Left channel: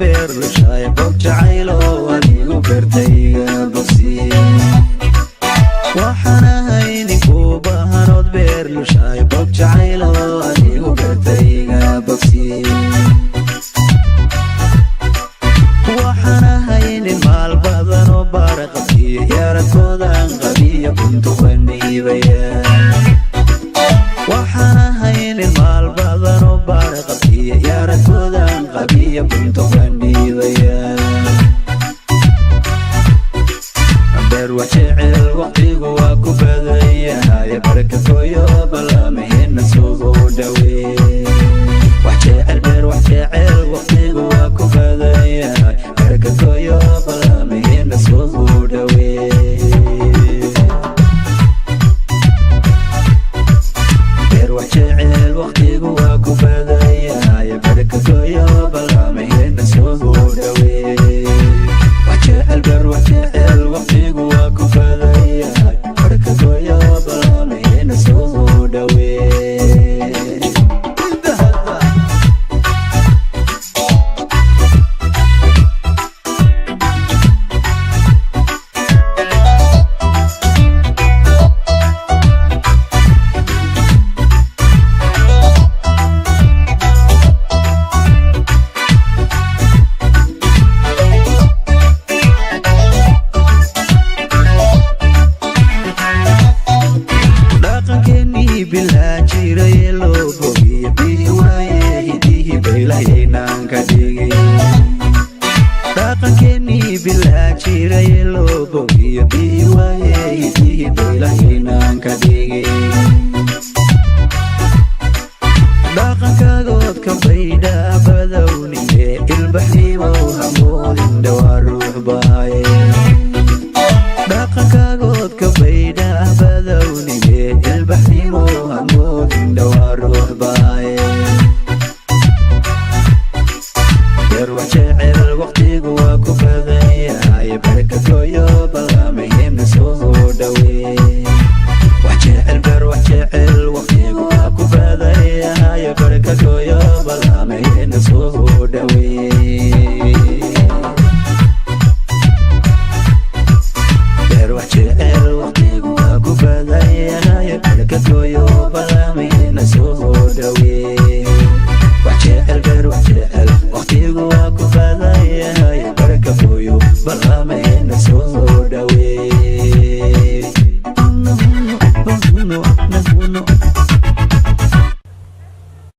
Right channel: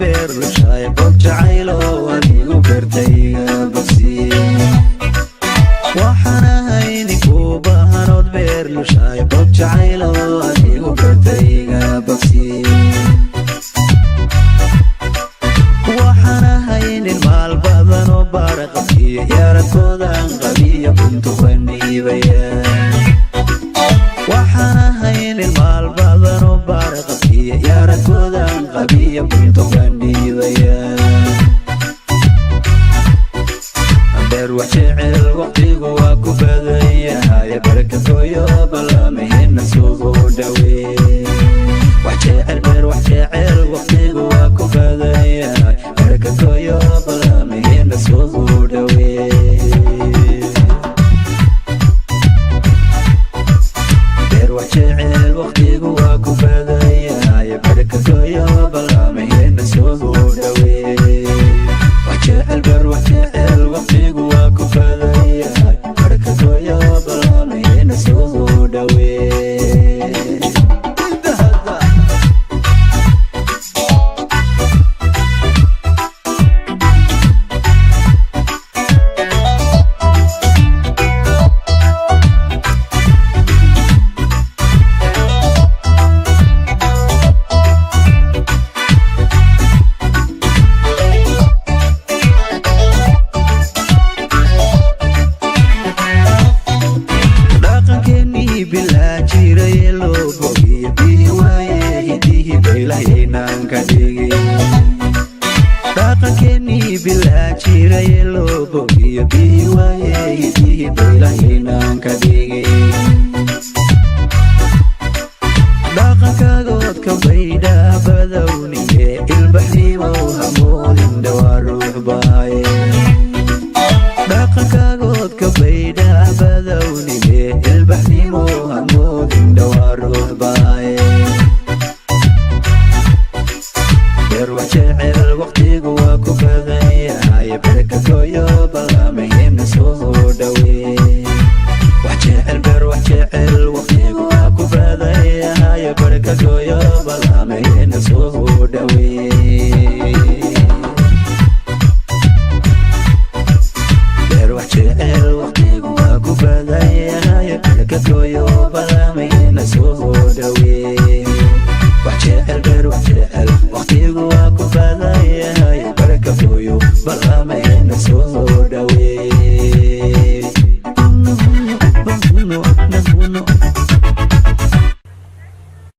beer lushaay bog jacaylo adigu beertayga bogsi waxaan ahay ninku baahanood beer lushaay bog jacaylo adigu beertayga bogsi waxaan ahay nin maal badan oo baara qabkiyo yaaradkoodan qabiya buntu qandhiibaya waxaan ahay nin maal badan oo baara qabkiyo yaaradkoodan qabiya buntu qandhiibaya beer wax jecel waqtigu waa ku badan yahay barakadooyo ballamaheenna sugu dhawee wax jecel beer wax jecel waqtigu waa ku badan yahay barakadooyo ballamaheenna sugu dhawee beer wax jecel waqtigu waa ku badan yahay barakadooyo ballamaheenna sugu dhawee وجعل بر وجعل وقتي واكو فذيا بركة ويا بلامي نسوه دوي كني بلا جيري لو بوغي بيواي هديه بيلاينان كديغي كني بلا جيري لو بوغي بيواي هديه بيلاينان كديغي كاغود كبيدا بدوني البحري وهمول دوا روح باي كاغود كبيدا بدوني البحري وهمول دوا روح باي يروح جعل وقتي واكو بذيا بركة قويو بلامي نسوه دوي وحجعل بر وحجعل وقتي واكو بذيا بركة قويو بلامي نسوه دوي روح جعل وقتي واكو بذيا بركة قويو بلامي نسوه دوي وحجعل بر وحجعل وقتي واكو بذيا بركة قويو بلامي نسوه دوي